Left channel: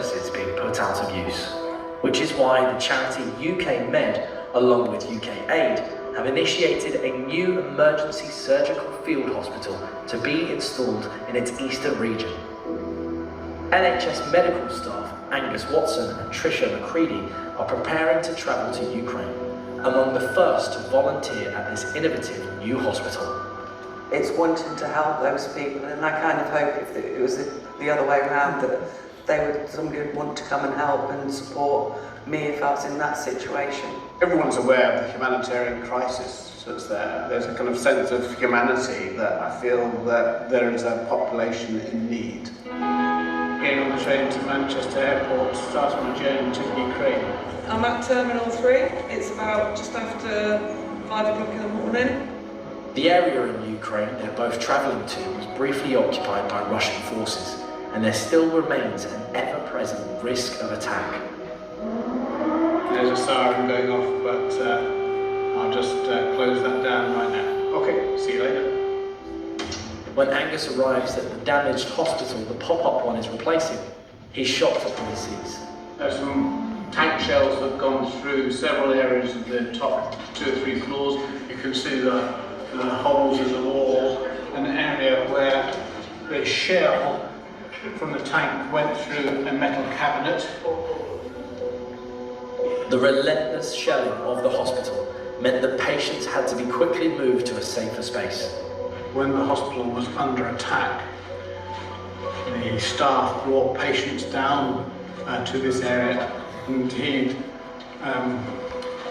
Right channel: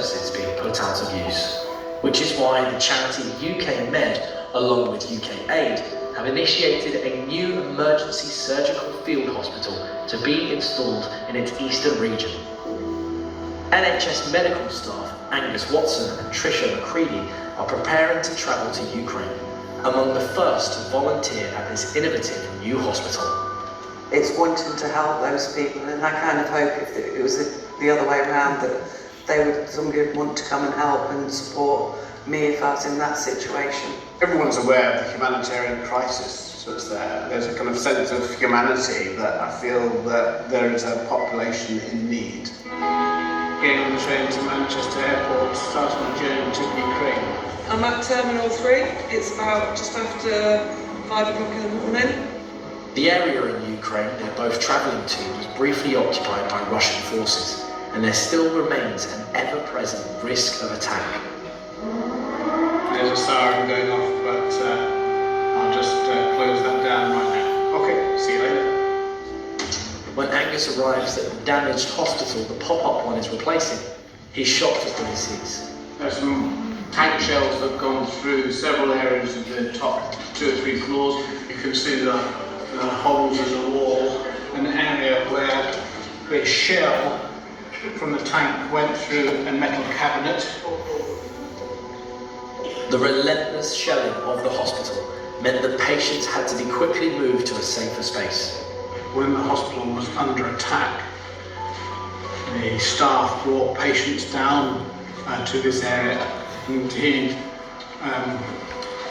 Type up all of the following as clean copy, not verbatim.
services being put out of use, which is why the charity UK Med, along with UK Aid, have initiated a new emergency surgical field hospital to be installed in its eastern region. NHS medical staff Angus Watson and Tricia McCready are preparing to travel to Ukraine, among the first to volunteer at this innovative new hospital. It's wanting to help those people, and I kind of hope if it was the other way around, that somebody would want to come and help and support me if I was in that situation. Everyone's aware of the humanitarian crisis that's there. There's a kind of sense of humanity that I feel that there is a population in need. Getting on the train to Manchester Airport, starting my journey to Ukraine. I'm at Terminal 3. It's about just after 5 o'clock in the morning. The area in Ukraine they're both travelling to was briefly occupied by Russian forces, and there still remains an ever-present risk of attack. There's a siren going off, but I'll just close that down right now. Okay, see you later. When Angus arrives at the damaged hospital the pop-up one is replacing, he's shocked at what he sees. There's some tank shells that have gone through several areas of the top 2 or 3 floors. You can see the holes in the wall, an area where a shell from the tank went through a metal cabinet. The relentless shelling of the hospital meant that patients had to be quickly moved to a safer space. When the hospital was under attack, the staff brought patients down to this area. Indeed,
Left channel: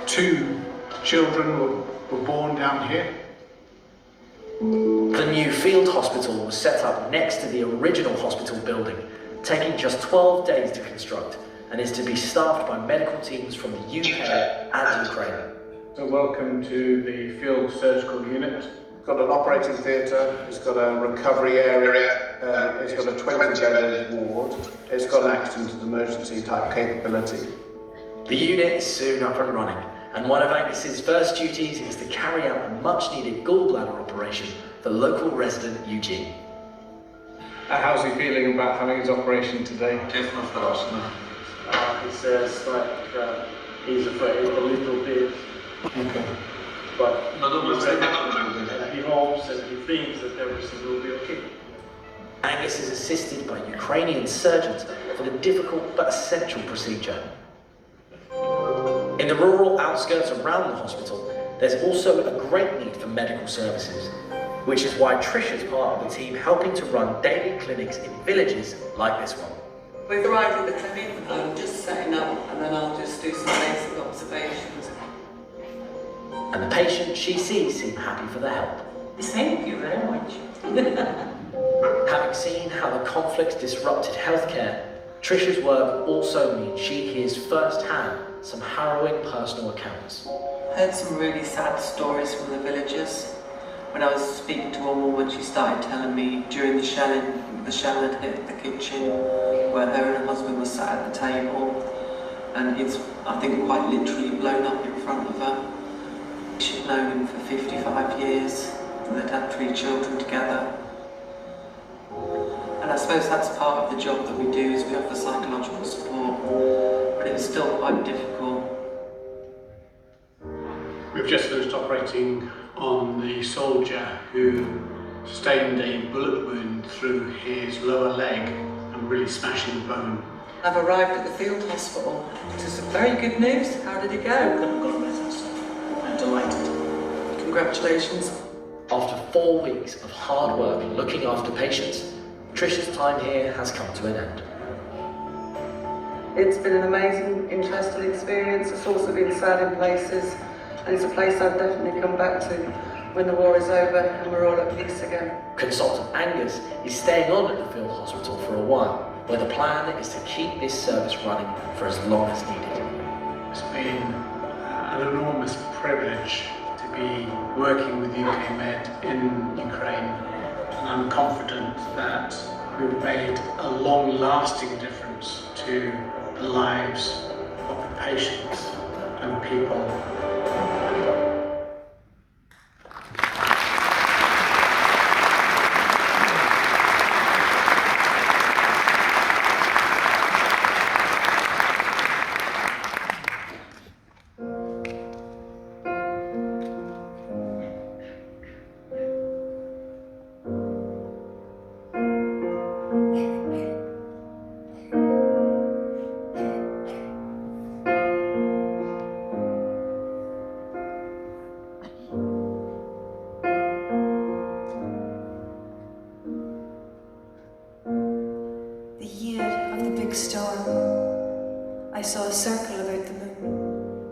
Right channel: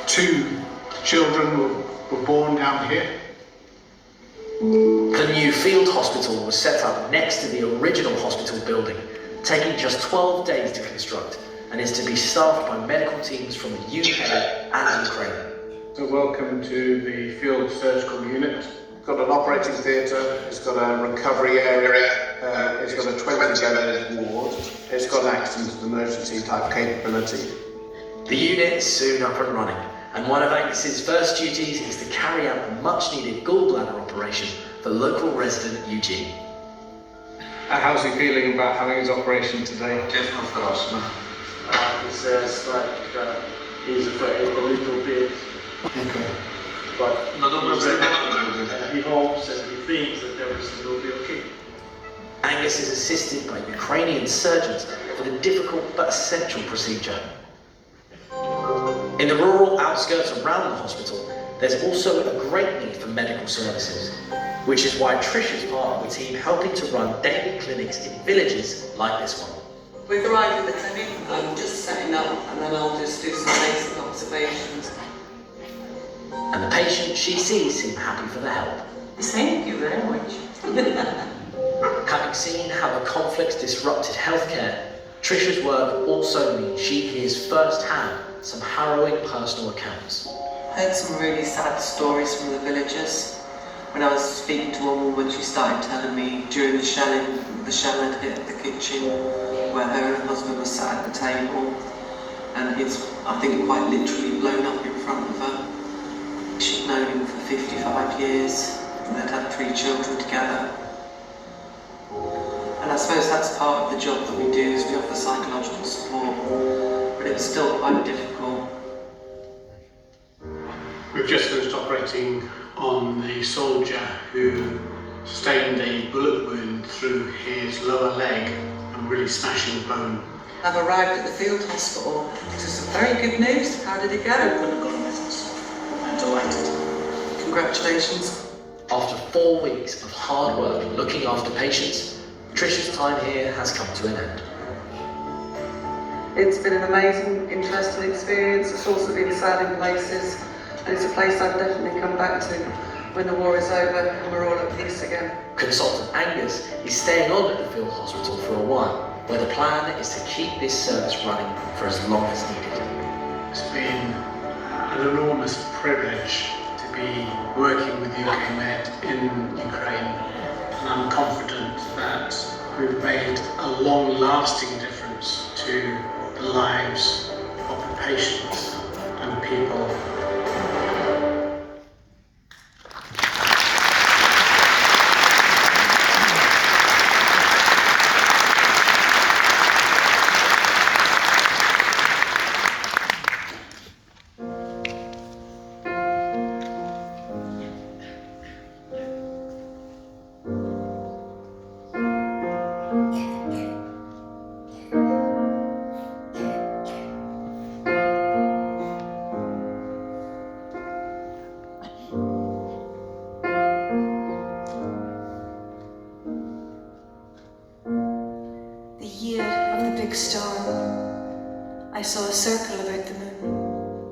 2 children were born down here. The new field hospital was set up next to the original hospital building, taking just 12 days to construct, and is to be staffed by medical teams from the UK and Ukraine. So welcome to the field surgical unit. It's got an operating theatre, it's got a recovery area, it's got a 20-bedded ward, it's got an accident emergency type capability. The unit is soon up and running, and one of Angus's first duties is to carry out a much-needed gallbladder operation for local resident Eugene. How's he feeling about having his operation today? It's like he's afraid a little bit, Okay. but he hopes and he thinks that everything will be okay. Angus is assisted by Ukrainian surgeons for the difficult but essential procedure. In the rural outskirts around the hospital, there's also a great need for medical services, which is why Trish is part of the team helping to run daily clinics in villages like this one. We've arrived at the clinic. I'm just setting up, and then I'll just do some basic observations. And the patients she sees seem happy for the help. Thank you very much. Having seen how the conflict disrupted healthcare, Trisha's work also means she hears firsthand some harrowing personal accounts. Heard some really sad stories from the villagers. When I was speaking to one woman, she started telling me during the shell had hit the kitchen where her and her husband were sat at the table, and it's, I think, quite literally blown up in front of her. She'd known him for 55 years, and they'd had 3 children together. And I suppose that's part of the job that we do, is we offer psychological support, but it was still quite difficult. We've just finished operating on the soldier who sustained a bullet wound through his lower leg and really smashing the bone. I've arrived at the field hospital. This is very good news. How did it go? I'm delighted. Congratulations. After 4 weeks of hard work looking after patients, Trisha's time here has come to an end. It's been an amazing, interesting experience. It's also been sad in places, and it's a place I'd definitely come back to when the war is over and we're all at peace again. Consultant Angus is staying on at the field hospital for a while, where the plan is to keep this service running for as long as needed. It's been an enormous privilege to be working with UK Med in Ukraine, and I'm confident that we've made a long-lasting difference to the lives of the patients and the people. storm, I saw a circle about the moon,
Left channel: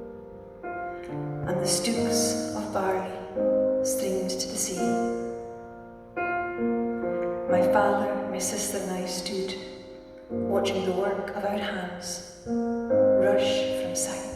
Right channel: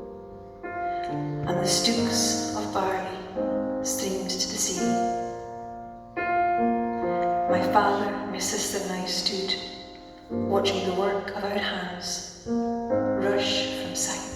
and the stooks of barley streamed to the sea. My father, my sister and I stood, watching the work of our hands rush from sight.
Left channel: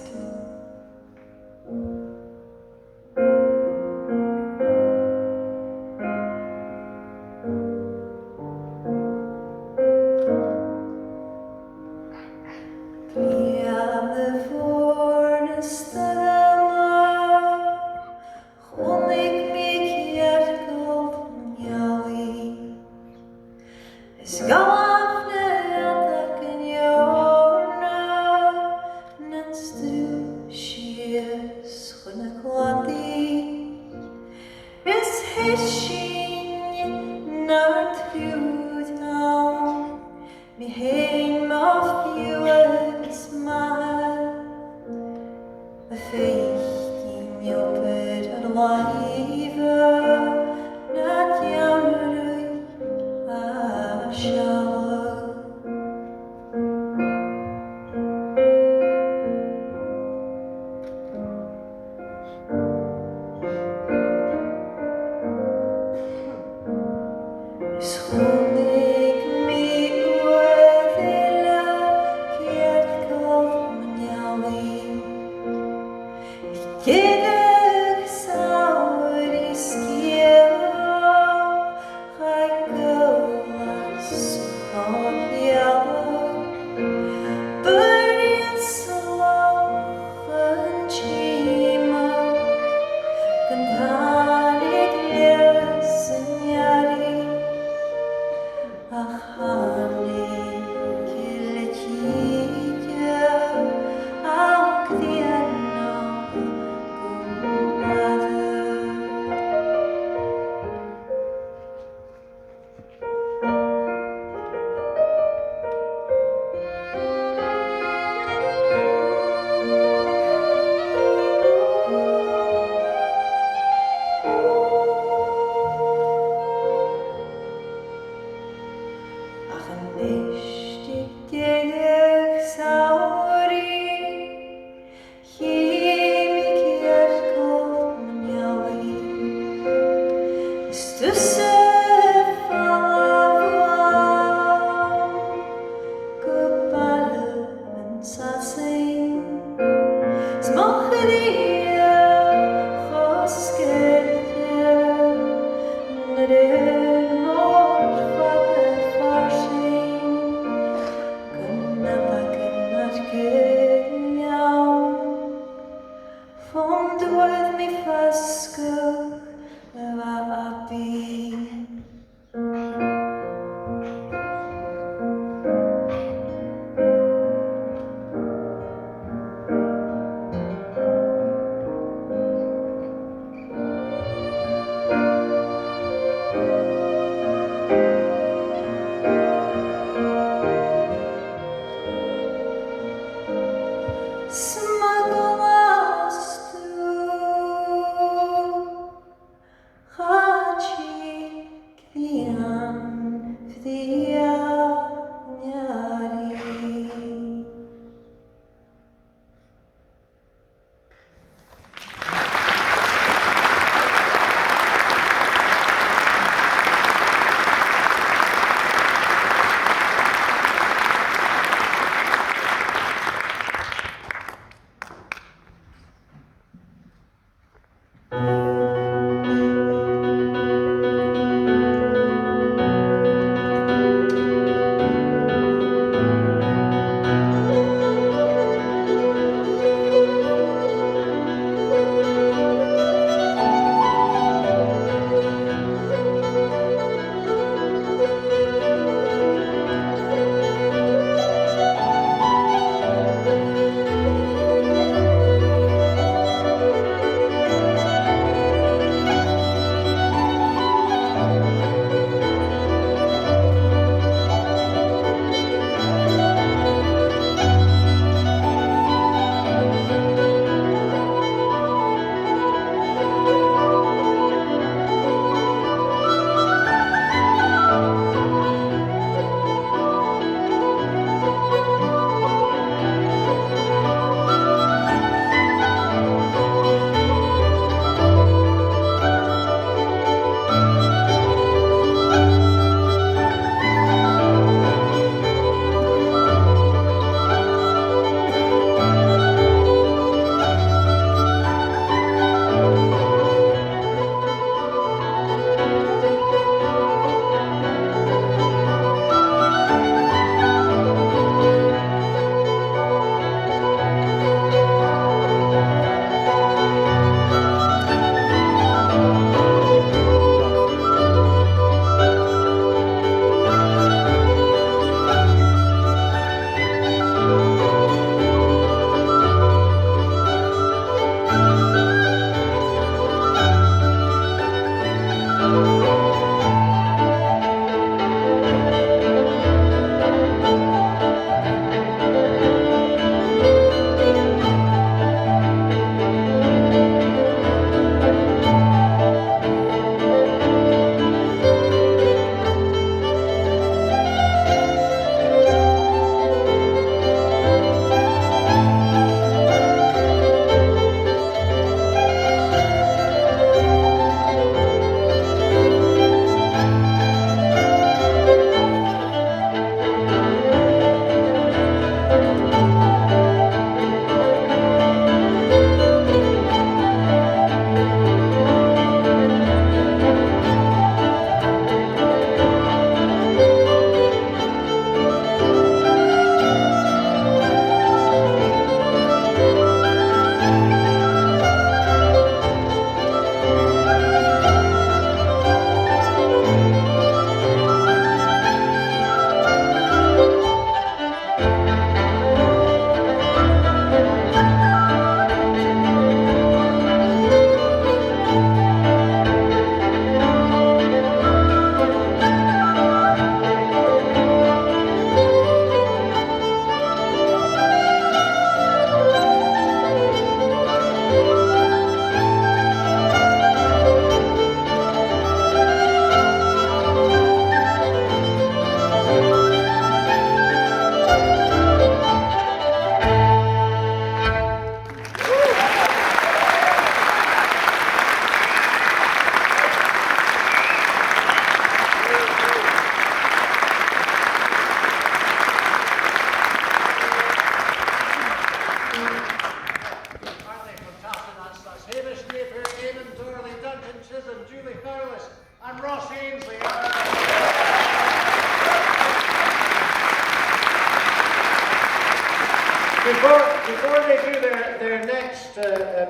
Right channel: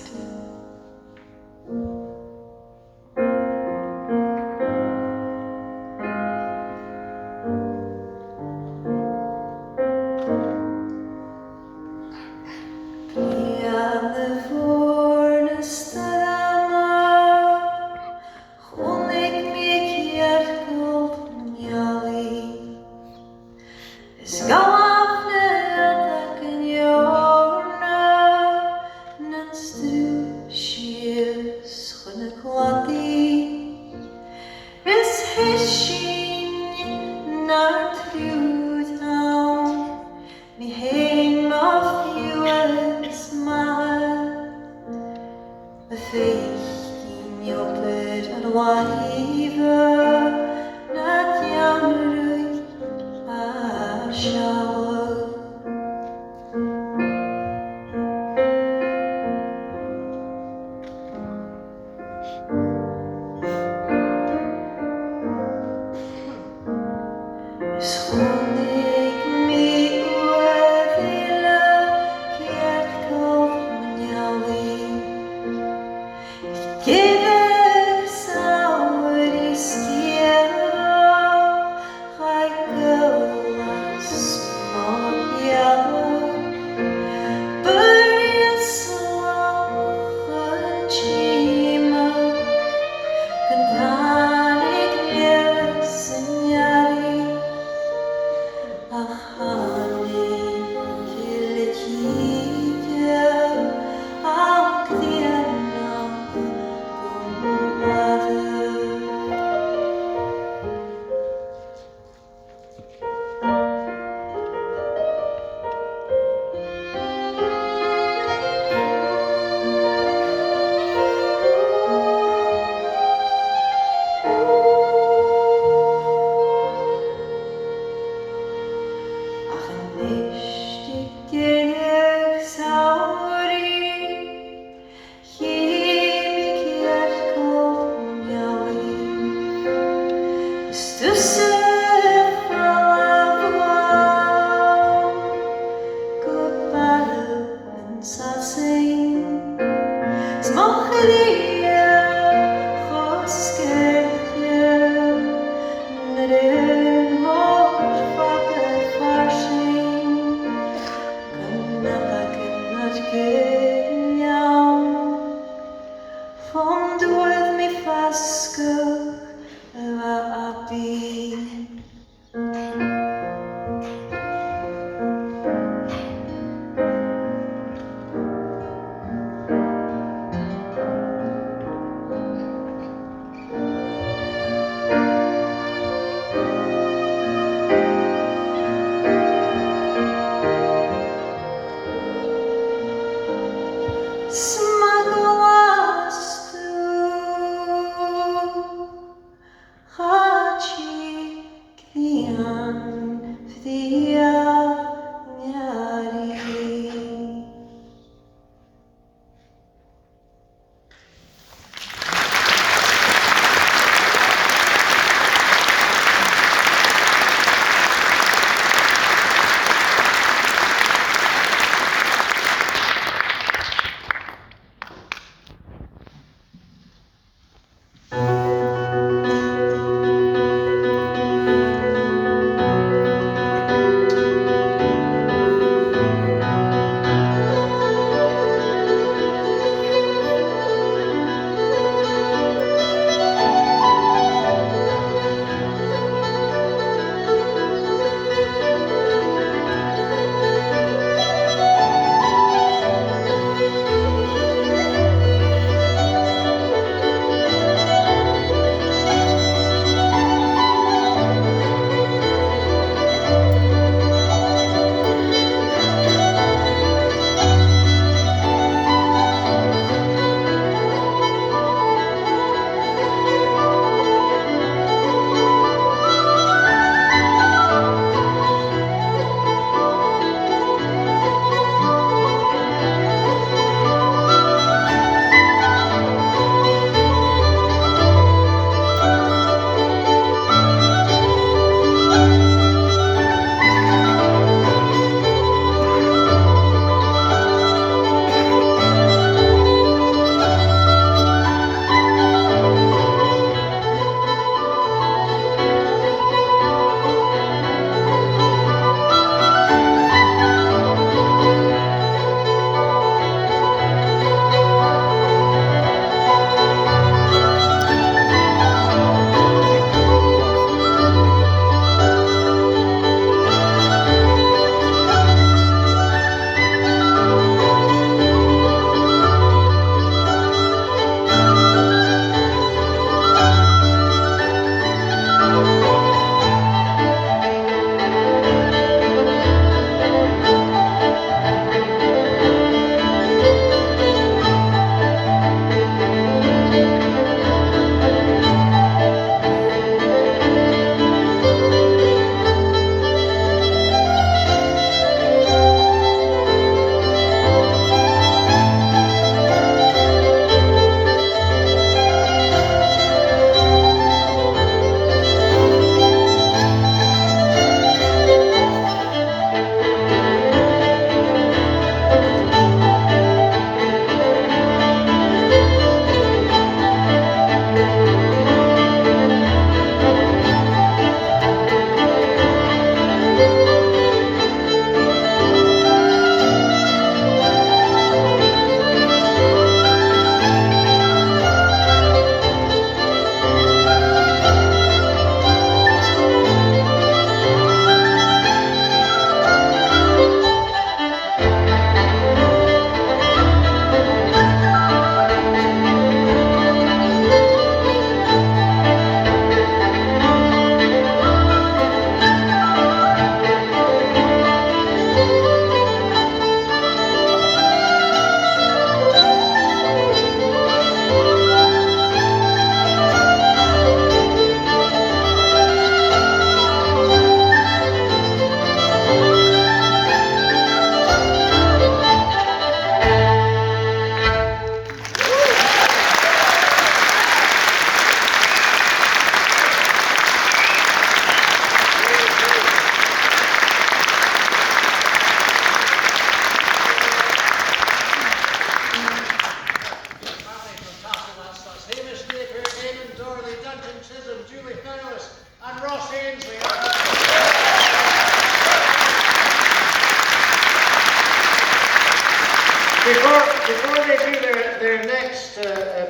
Before they do their next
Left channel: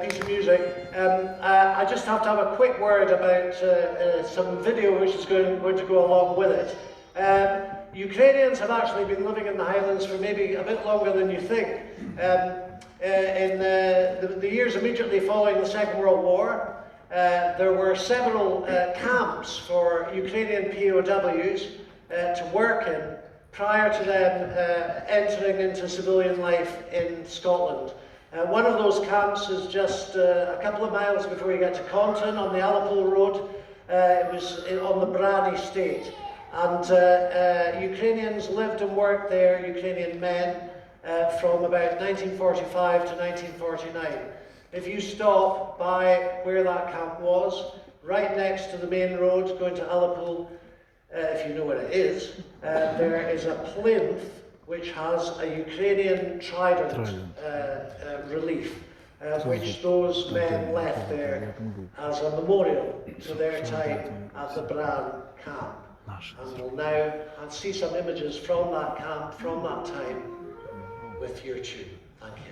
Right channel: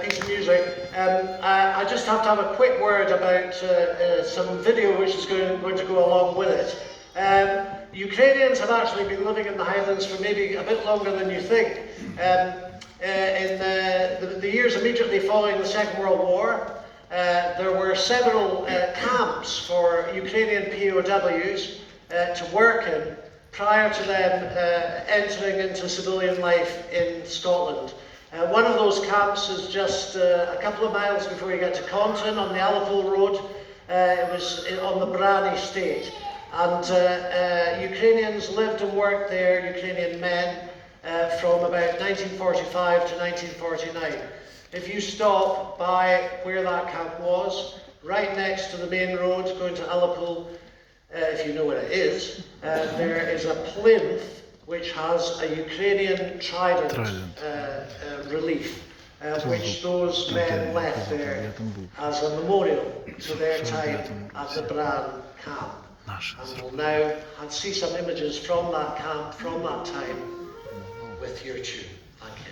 piece of music, I just have to have a quick word about some video which is going to go along with it. Ukrainians have actually been living in the Highlands for maybe a bit longer than you think. In the years immediately following the Second World War, there were several camps for Ukrainian POWs to work in prior to them entering into civilian life in Scotland. One of those camps is just a couple of miles before you get to Compton on the Alipol Road. It was on the Bran estate. And Ukrainians lived and worked there, Ukrainian men, from about 1945 to 1949. If you stop by where that camp was, right next to the main road going to Alipol, if you know where it is, there is a plinth which has a Ukrainian trident relief, which those men left there as a memorial to their time at the Bran camp. And we'll now see some images from that camp, from that time, with your tune. Thank you.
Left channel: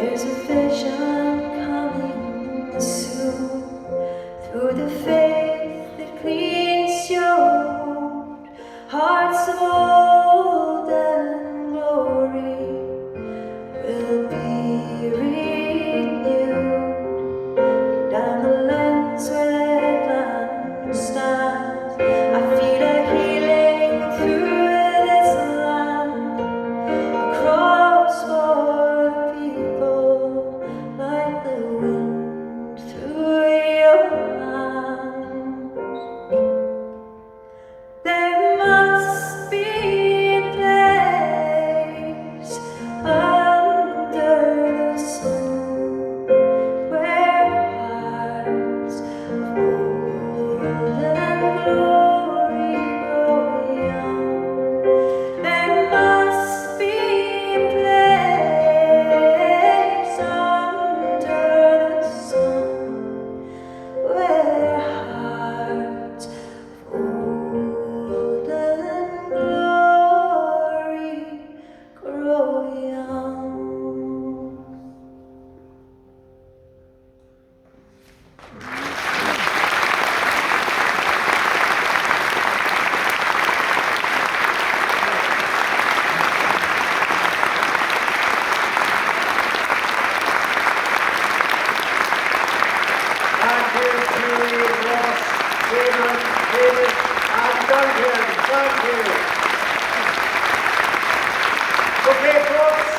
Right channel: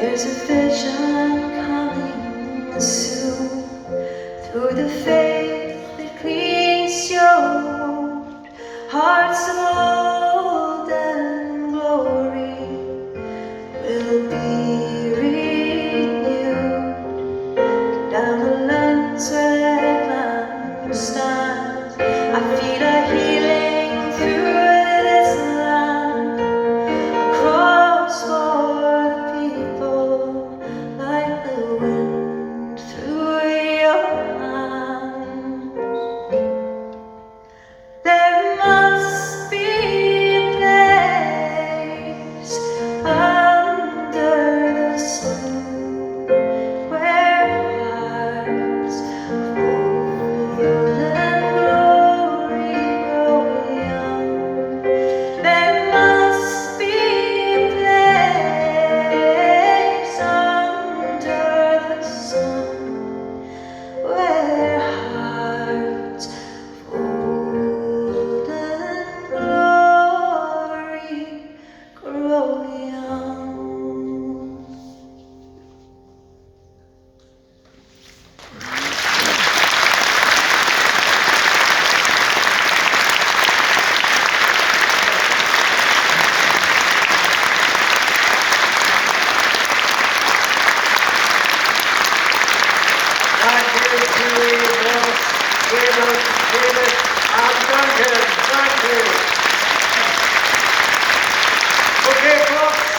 There's a vision coming soon through the faith that cleans your hearts of golden glory will be renewed. Down the lands where land stands, I feel a healing through this land. Across for the people, like the wind through your hands. There must be a place under the sun where hearts of golden glory grow young. There must be a place under the sun where hearts of golden glory grow young. Thank you to Ross, David, and Duncan. Thank you. Okay, folks.